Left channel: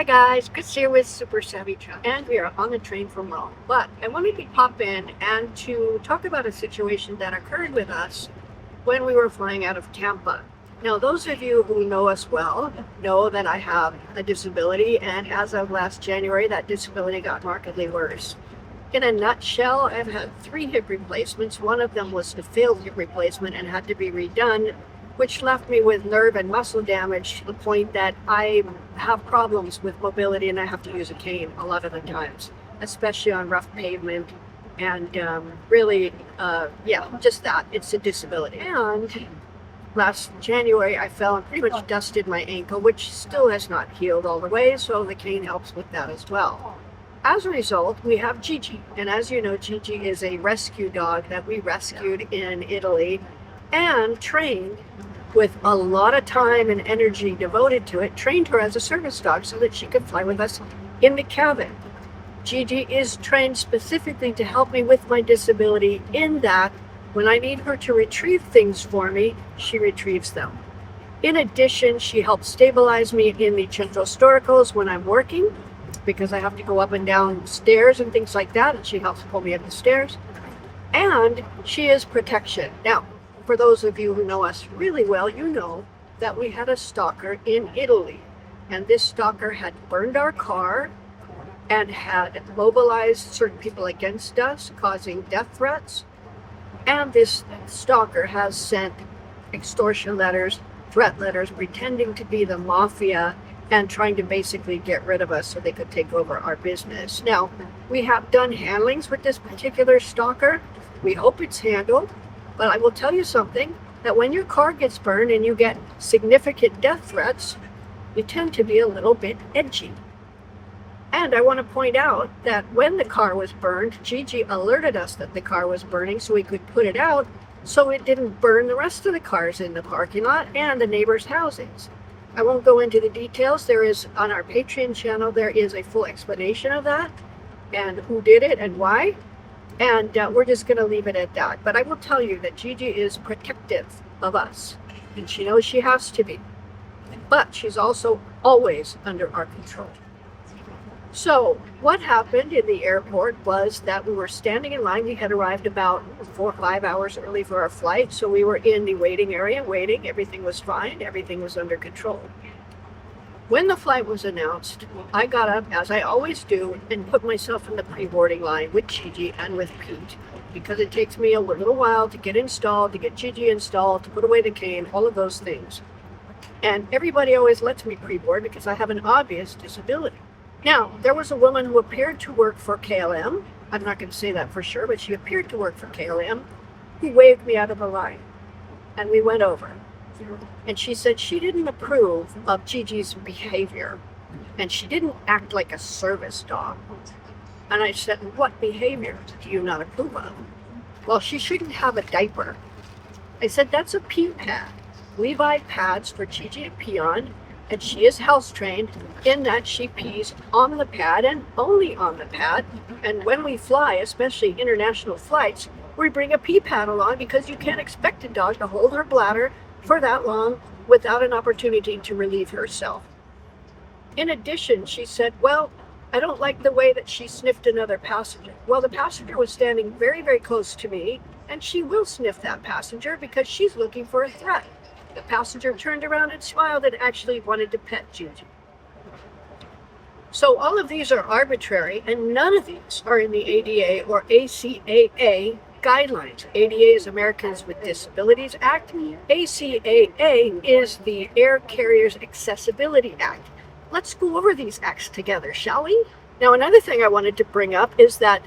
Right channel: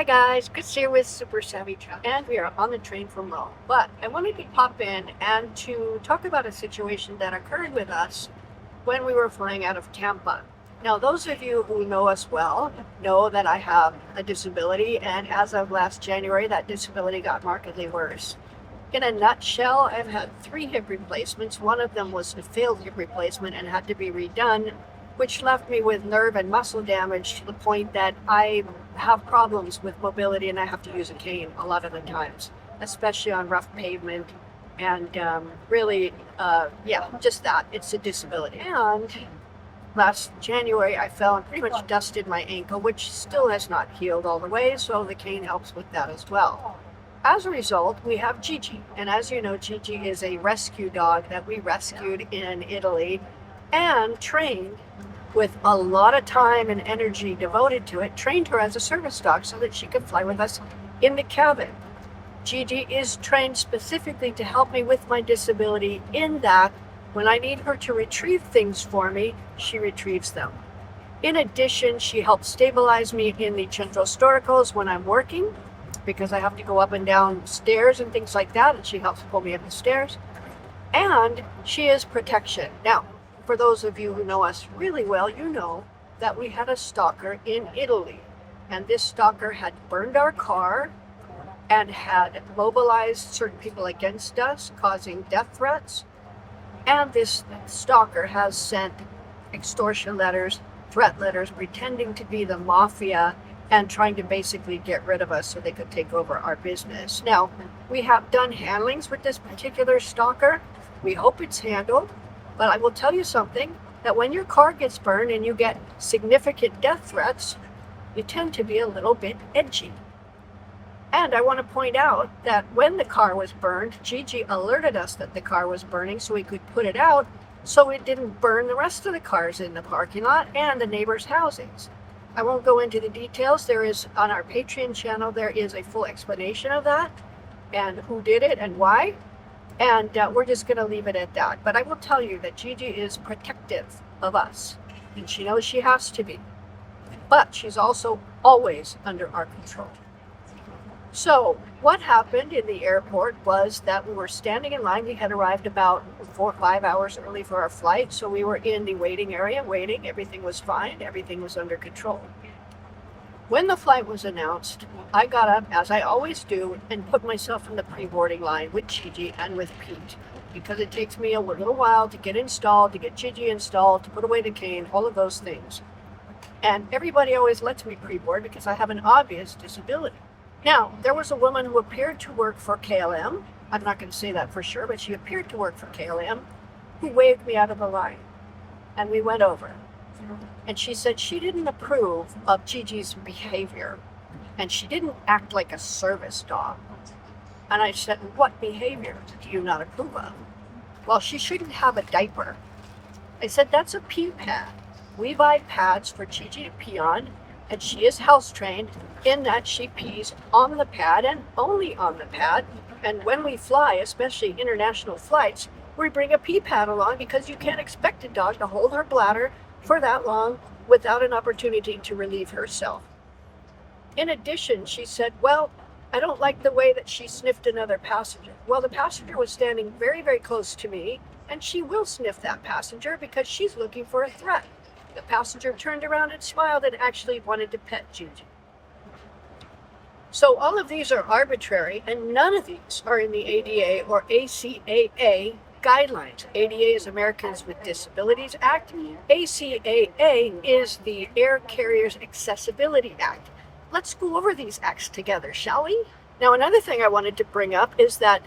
Hi guys, Chris here with Super Savvy Chuck, and we are on the train from Rome. But I wanted to pop in and to talk about a situation that occurred with us when we were flying out of Tampa. Now, those of you who know us well know that I have a disability, and as of last January, that disability got markedly worse. In a nutshell, I've had 3 hip replacements. One of them was a failed hip replacement and had to be redone, which left me with nerve and muscle damage to the point that I have problems with mobility and I have to use a cane a lot of the times, especially on rough pavement. And really, yeah, just that. It's a disability. And last January, I fell and pretty much dusted my ankle, which still has not healed all the way, so the cane helps with that as well. As a result, we have Gigi. And as you know, Gigi is a rescue dog that we rescued in Italy and trained with a lot of time and energy devoted to it, trained her as a service dog so that she could fly with us in the cabin. Gigi is trained specifically to help me with my disability in that when I need her to retrieve things for me, she retrieves them. In addition, she helps stabilize me in the central storicals when I'm working because I have to go up and down stairs and things like that, and she helps pull me up the stairs. And she is protection. Now, for those of you who know us really well, you know that we had a stalker in Italy. And this stalker had burned our car and had mobilized certain people against us, causing death threats. And this stalker has sent extortion letters, threat letters, pretending to be the mafia and trying to basically get rid of us so they could take over our business. Now, we have done handlings with this particular stalker. We hope it's handled. But I will tell you something, that when your car gets burned and you get significant death threats, you tend to be a little bit edgy. And I want to point out that when the car was burned, Gigi alerted us that the car was burning so we could put it out so it didn't burn the rest of the cars in the parking lot and the neighbors' houses. I won't go into the details. There is, on our Patreon channel, there is a full explanation of that and who did it and why. And we're just going to leave it at that. But I will tell you that Gigi is protective of us. And she knows she has to be. But she's also always under our control. So what happened in the airport was that we were standing in line. We had arrived about 4 or 5 hours early for our flight. So we were in the waiting area waiting. Everything was fine. Everything was under control. When the flight was announced, I got up, as I always do, and put myself in the pre-boarding line with Gigi and with Pete, because it takes me a little while to get installed, to get Gigi installed, to put away the cane, all of those things. And everybody always lets me pre-board because I have an obvious disability. Now, there was a woman who appeared to work for KLM. I'm not going to say that for sure, but she appeared to work for KLM, who waved me out of the line. And we went over. And she said she didn't approve of Gigi's behavior. And she didn't act like a service dog. And I said, what behavior do you not approve of? Well, she shouldn't have a diaper. I said, that's a pee pad. We buy pads for Gigi to pee on, and she is house trained in that she pees on the pad and only on the pad. And when we fly, especially international flights, we bring a pee pad along because you can't expect a dog to hold her bladder for that long without an opportunity to relieve herself. In addition, she said, well, I don't like the way that she sniffed another passenger. Well, the passenger was standing very, very close to me, and she will sniff that passenger because she's looking for a threat. The passenger turned around and smiled and actually wanted to pet Gigi. So all of these are arbitrary, and none of these are in the ADA or ACAA guidelines. ADA is Americans with Disabilities Act. ACAA is the Air Carriers Accessibility Act. Let's go over these acts together, shall we? Now, another thing I wanted to bring up is that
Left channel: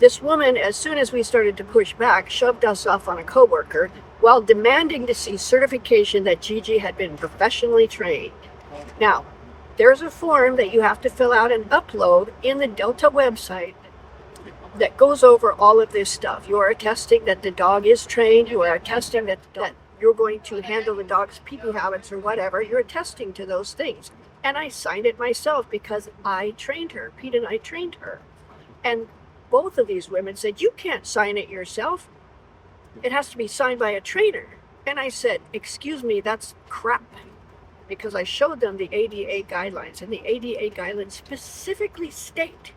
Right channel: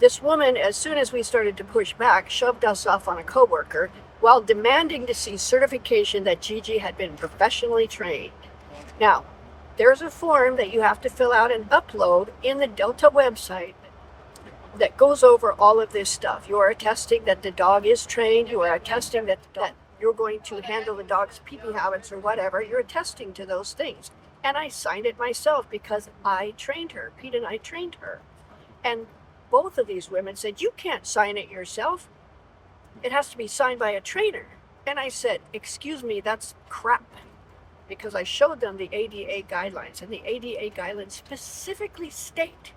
this woman, as soon as we started to push back, shoved us off on a coworker while demanding to see certification that Gigi had been professionally trained. Now, there's a form that you have to fill out and upload in the Delta website that goes over all of this stuff. You are attesting that the dog is trained. You are attesting that you're going to handle the dog's pee-poo habits or whatever. You're attesting to those things. And I signed it myself because I trained her. Pete and I trained her. And both of these women said, you can't sign it yourself. It has to be signed by a trainer. And I said, excuse me, that's crap. because I showed them the ADA guidelines, and the ADA guidelines specifically state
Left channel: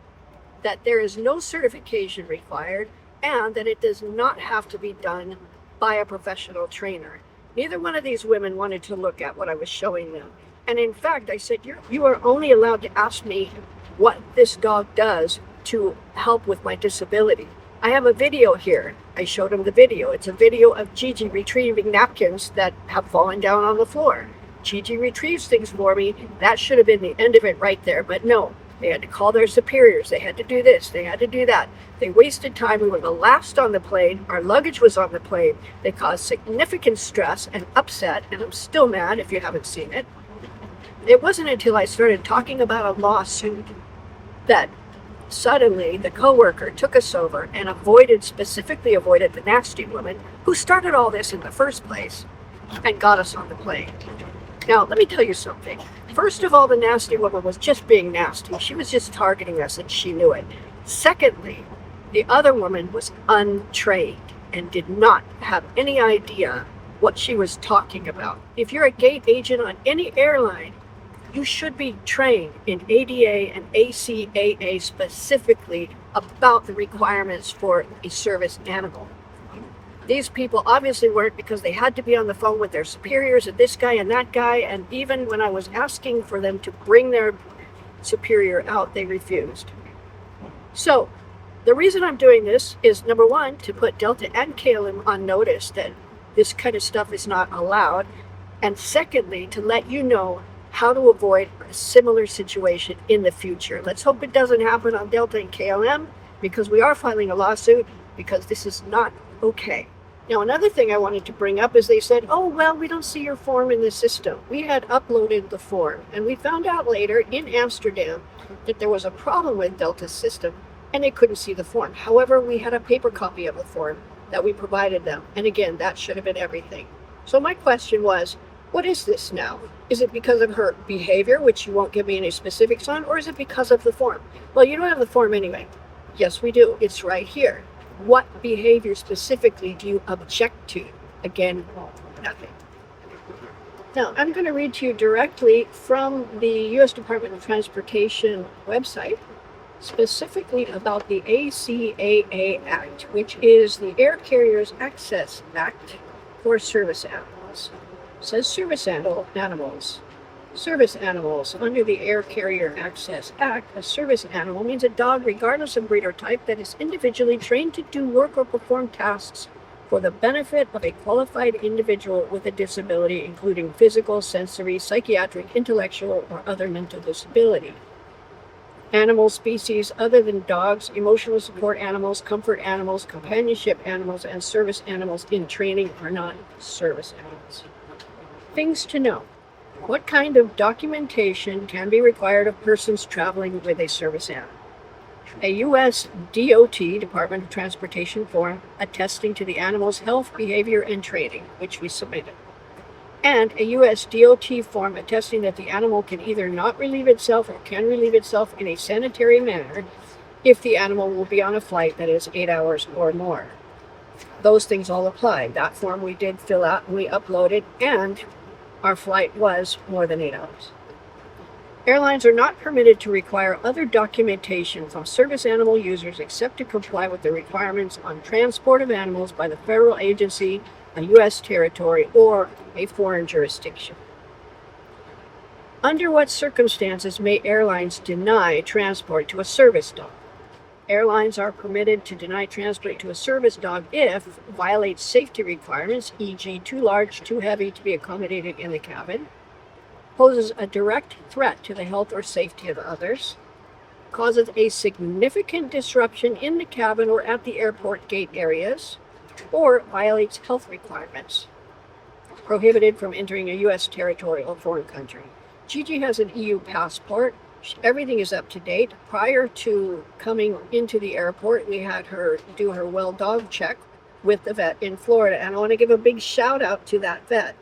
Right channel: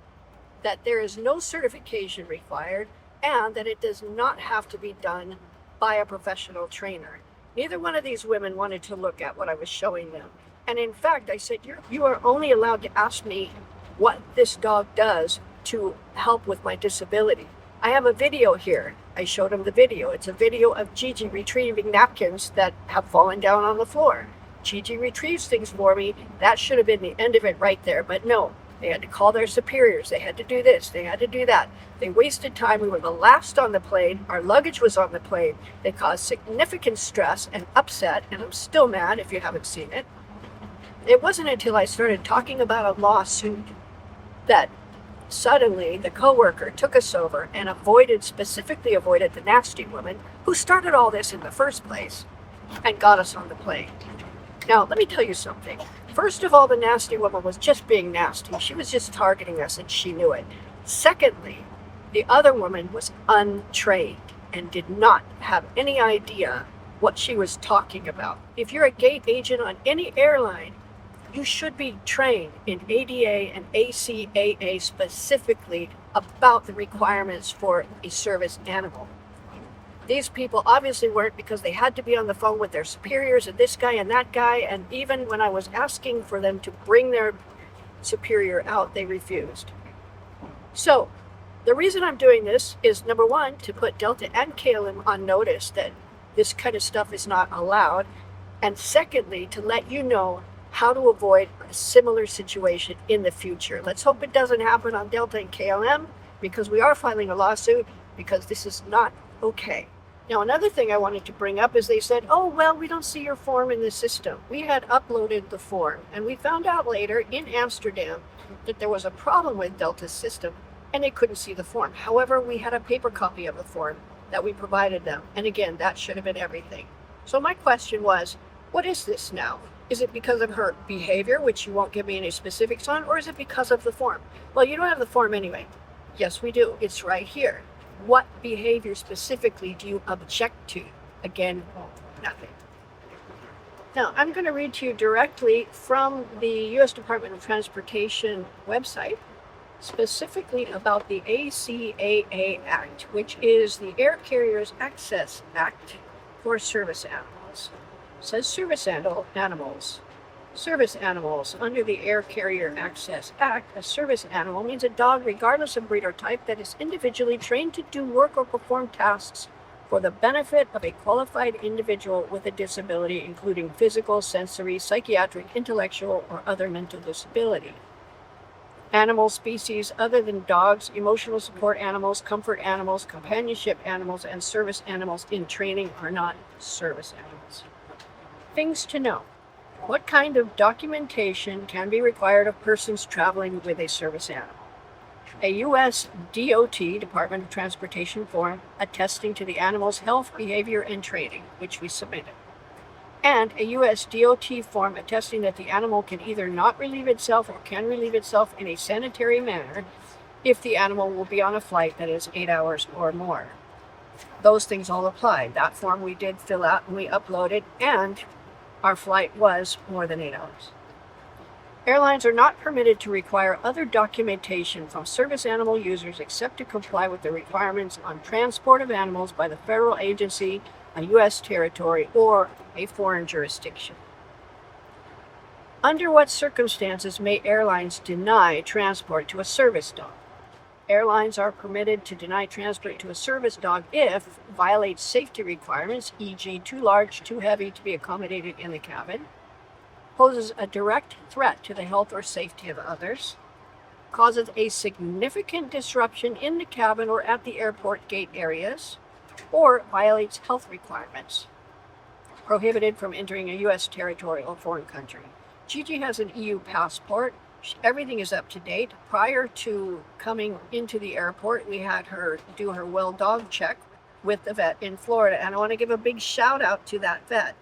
that there is no certification required and that it does not have to be done by a professional trainer. Neither one of these women wanted to look at what I was showing them. And in fact, I said, you are only allowed to ask me what this dog does to help with my disability. I have a video here. I showed them the video. It's a video of Gigi retrieving napkins that have fallen down on the floor. Gigi retrieves things for me. That should have been the end of it right there, but no. They had to call their superiors. They had to do this. They had to do that. They wasted time. We were the last on the plane. Our luggage was on the plane. They caused significant stress and upset, and I'm still mad if you haven't seen it. It wasn't until I started talking about a lawsuit that suddenly the coworker took us over and specifically avoided the nasty woman who started all this in the first place and got us on the plane. Now, let me tell you something. First of all, the nasty woman was just being nasty. She was just targeting us and she knew it. Secondly, the other woman was untrained and did not have any idea what she was talking about. If you're a gate agent on any airline, you should be trained in ADA and ACAA specifically about the requirements for a service animal. These people obviously weren't, because they had to be on the phone with their superiors and this guy and that guy, and even when I was asking for them to bring their superior out, they refused. So the reason I'm doing this is, number one, to put Delta and KLM on notice that this kind of stuff is not allowed, and secondly, to let you know how to avoid a similar situation in the future. Let's hope it doesn't happen on Delta and KLM, because we are filing a lawsuit, because this is not okay. Now, another thing I wanted to bring up is they said, oh, well, we don't see your form in the system. We had uploaded the form, and we found out later in Amsterdam that there was a problem with Delta's system, and they couldn't see the form. However, we had a paper copy of the form that we provided them, and again, that should have been everything. So my question was, what is this now? Is it because of her behavior, which you won't give me any specifics on, or is it because of the form? Well, you don't have the form anyway. Yes, we do. It's right here. What behavior specifically do you object to? Again, nothing. Now, I'm going to read to you directly from the U.S. Department of Transportation website, specifically about the ACAA Act, which is the Air Carriers Access Act for service animals. It says service animals. Service animals. Under the Air Carrier Access Act, a service animal means a dog, regardless of breed or type, that is individually trained to do work or perform tasks for the benefit of a qualified individual with a disability, including physical, sensory, psychiatric, intellectual, or other mental disability. Animal species other than dogs, emotional support animals, comfort animals, companionship animals, and service animals in training are not service animals. Things to know. What kind of documentation can be required of persons traveling with a service animal? A U.S. DOT, Department of Transportation form attesting to the animal's health, behavior, and training, which we submitted. And a U.S. DOT form attesting that the animal can either not relieve itself or can relieve itself in a sanitary manner if the animal will be on a flight that is 8 hours or more. Those things all apply. That form we did fill out and we uploaded, and our flight was more than 8 hours. Airlines are not permitted to require other documentation from service animal users except to comply with the requirements on transport of animals by the federal agency, a U.S. territory, or a foreign jurisdiction. Under what circumstances may airlines deny transport to a service dog? Airlines are permitted to deny transport to a service dog if it violates safety requirements, e.g. too large, too heavy to be accommodated in the cabin, poses a direct threat to the health or safety of others, causes a significant disruption in the cabin or at the airport gate areas, or violates health requirements, prohibited from entering a U.S. territory or foreign country. Gigi has an EU passport. Everything is up to date. Prior to coming into the airport, we had her do her well dog check with the vet in Florida, and I want to give a big shout out to that vet.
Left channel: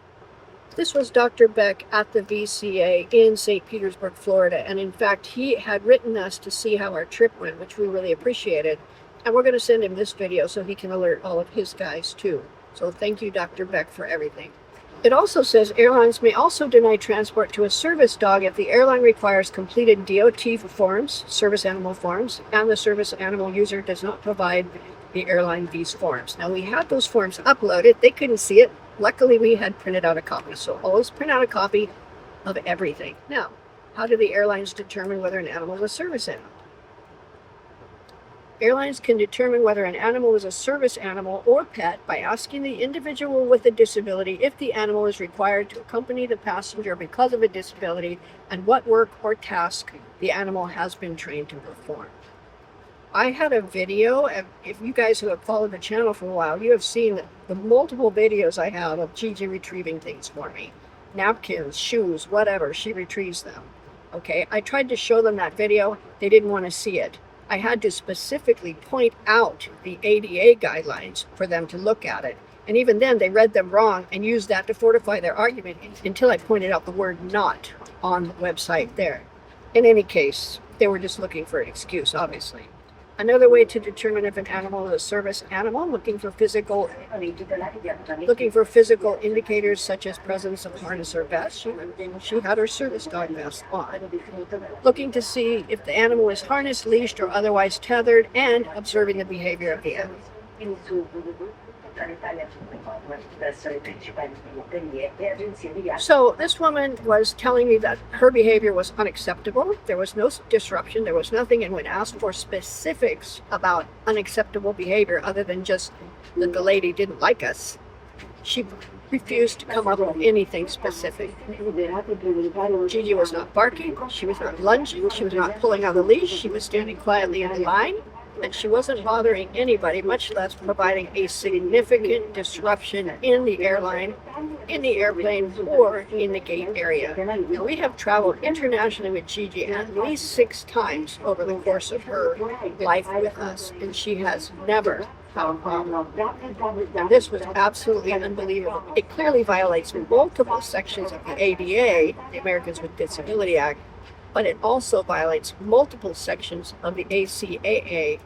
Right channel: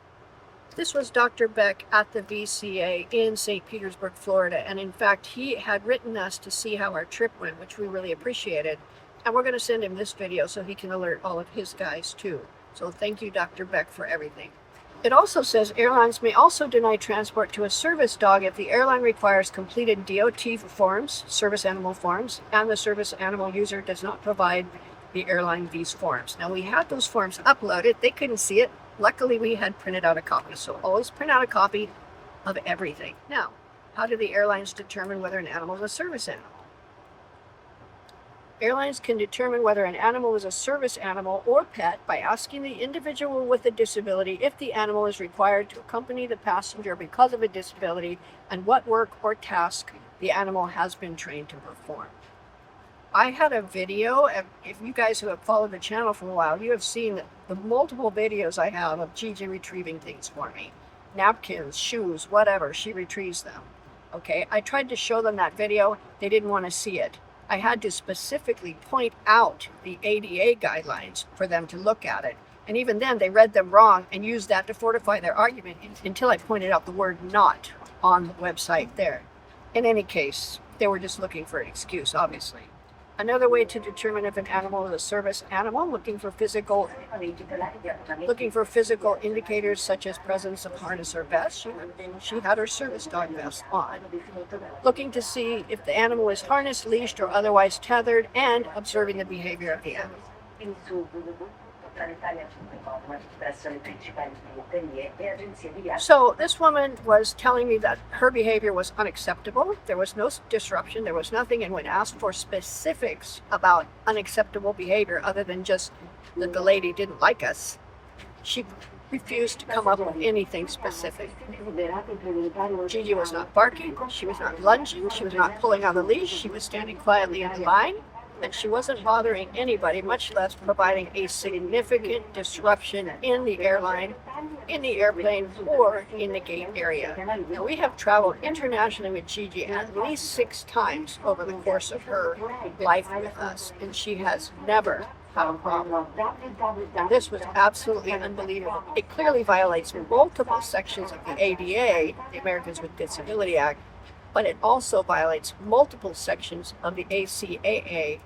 This was Dr. Beck at the VCA in St. Petersburg, Florida, and in fact, he had written us to see how our trip went, which we really appreciated, and we're going to send him this video so he can alert all of his guys too. So thank you, Dr. Beck, for everything. It also says airlines may also deny transport to a service dog if the airline requires completed DOT forms, service animal forms, and the service animal user does not provide the airline these forms. Now, we had those forms uploaded. They couldn't see it. Luckily, we had printed out a copy. So always print out a copy of everything. Now, how do the airlines determine whether an animal is a service animal? Airlines can determine whether an animal is a service animal or pet by asking the individual with a disability if the animal is required to accompany the passenger because of a disability and what work or task the animal has been trained to perform. I had a video, and if you guys who have followed the channel for a while, you have seen the multiple videos I have of Gigi retrieving things for me. Napkins, shoes, whatever, she retrieves them. Okay, I tried to show them that video. They didn't want to see it. I had to specifically point out the ADA guidelines for them to look at it. And even then, they read them wrong and used that to fortify their argument until I pointed out the word not on the website there. In any case, they were just looking for an excuse, obviously. Another way to determine if an animal is a service animal, looking for physical indicators such as presence of harness or vest. She had her service dog vest on. Looking to see if the animal is harnessed, leashed, or otherwise tethered, and observing the behavior of the animal. So this woman was telling me that her behavior was unacceptable. There was no disruption. There was nothing. And when asked for specifics about unacceptable behavior other than just that the lady didn't like us, she refused to come up with anything specific. Gigi was not barking. She was not lunging. She was not pulling on the leash. She was standing quietly in line. And she wasn't bothering anybody, much less providing a significant disruption in the airline, in the airplane, or in the gate area. Now, we have traveled internationally with Gigi at least 6 times over the course of her life with us, and she has never had a problem. And this was absolutely unbelievable. It clearly violates multiple sections of the ADA, the Americans with Disability Act, but it also violates multiple sections of the ACAA,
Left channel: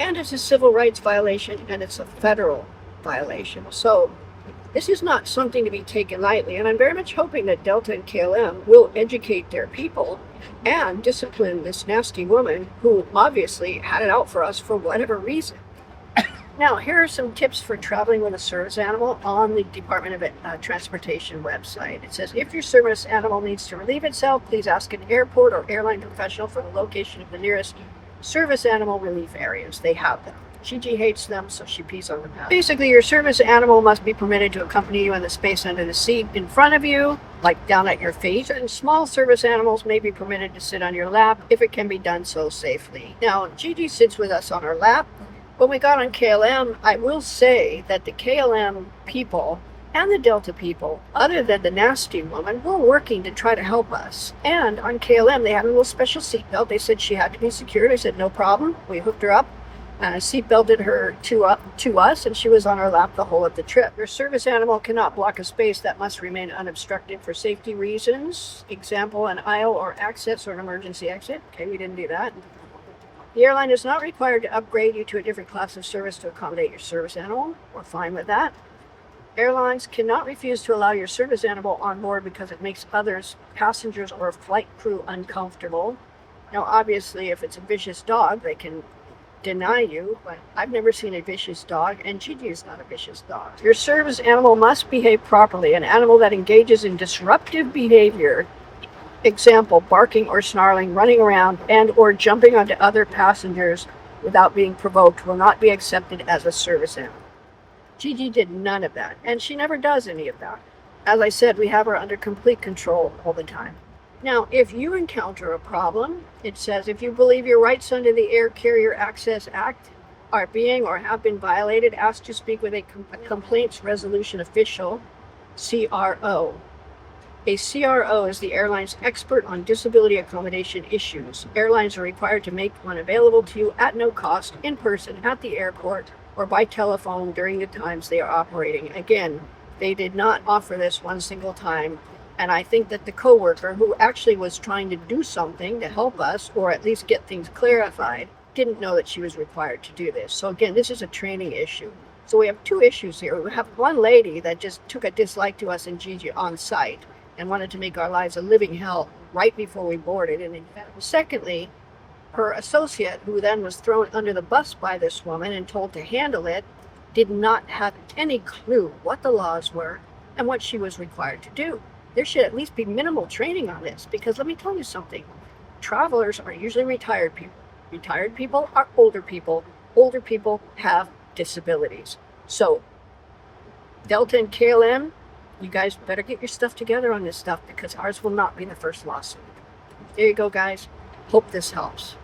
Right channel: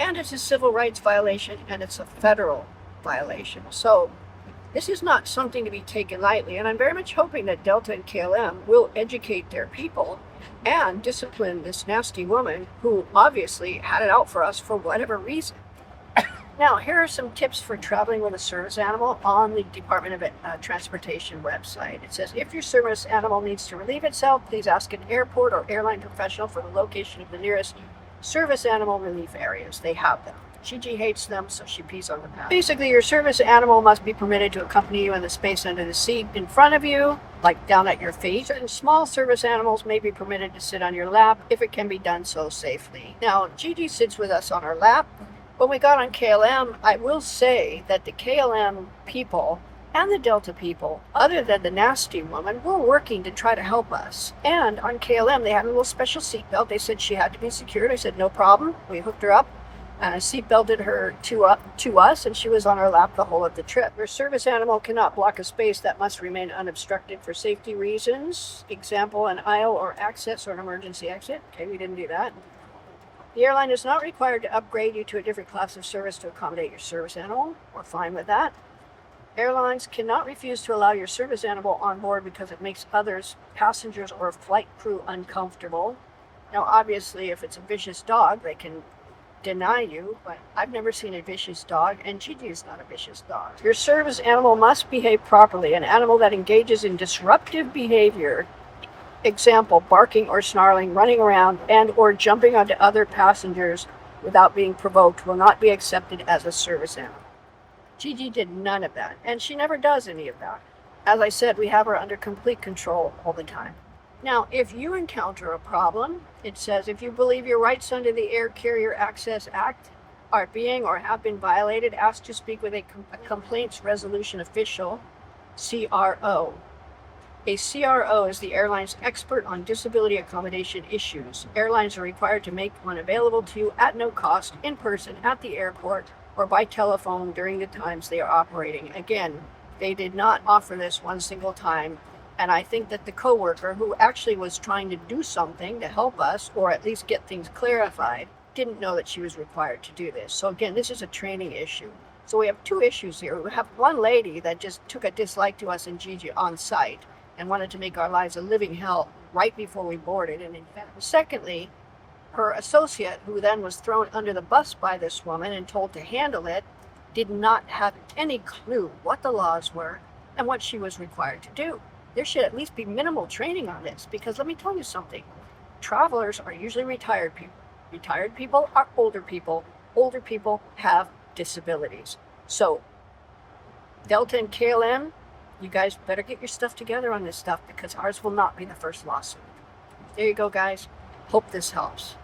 and it's a civil rights violation, and it's a federal violation. So this is not something to be taken lightly, and I'm very much hoping that Delta and KLM will educate their people and discipline this nasty woman who obviously had it out for us for whatever reason. Now, here are some tips for traveling with a service animal on the Department of Transportation website. It says, if your service animal needs to relieve itself, please ask an airport or airline professional for the location of the nearest service animal relief areas. They have them. Gigi hates them, so she pees on the pad. Basically, your service animal must be permitted to accompany you in the space under the seat in front of you, like down at your feet. And small service animals may be permitted to sit on your lap if it can be done so safely. Now, Gigi sits with us on our lap. When we got on KLM, I will say that the KLM people and the Delta people, other than the nasty woman, were working to try to help us. And on KLM, they had a little special seatbelt. They said she had to be secured. I said, no problem. We hooked her up and seatbelted her to us, and she was on our lap the whole of the trip. Your service animal cannot block a space that must remain unobstructed for safety reasons. Example, an aisle or access or an emergency exit. Okay, we didn't do that. The airline is not required to upgrade you to a different class of service to accommodate your service animal. We're fine with that. Airlines cannot refuse to allow your service animal on board because it makes others, passengers or flight crew, uncomfortable. Now, obviously, if it's a vicious dog, they can deny you, but I've never seen a vicious dog, and Gigi is not a vicious dog. Your service animal must behave properly. An animal that engages in disruptive behavior, example, barking or snarling, running around, and or jumping onto other passengers without being provoked, will not be accepted as a service animal. Gigi did none of that, and she never does any of that. As I said, we have her under complete control all the time. Now, if you encounter a problem, it says, if you believe your rights under the Air Carrier Access Act are being or have been violated, ask to speak with a complaints resolution official, CRO. A CRO is the airline's expert on disability accommodation issues. Airlines are required to make one available to you at no cost, in person, at the airport, or by telephone during the times they are operating. Again, they did not offer this one single time, and I think that the coworker who actually was trying to do something to help us, or at least get things clarified, didn't know that she was required to do this. So again, this is a training issue. So we have two issues here. We have one lady that just took a dislike to us and Gigi on site and wanted to make our lives a living hell right before we boarded. And secondly, her associate, who then was thrown under the bus by this woman and told to handle it, did not have any clue what the laws were and what she was required to do. There should at least be minimal training on this, because let me tell you something. Travelers are usually retired people. Retired people are older people. Older people have disabilities. So, Delta and KLM, you guys better get your stuff together on this stuff, because ours will not be the first lawsuit. There you go, guys. Hope this helps.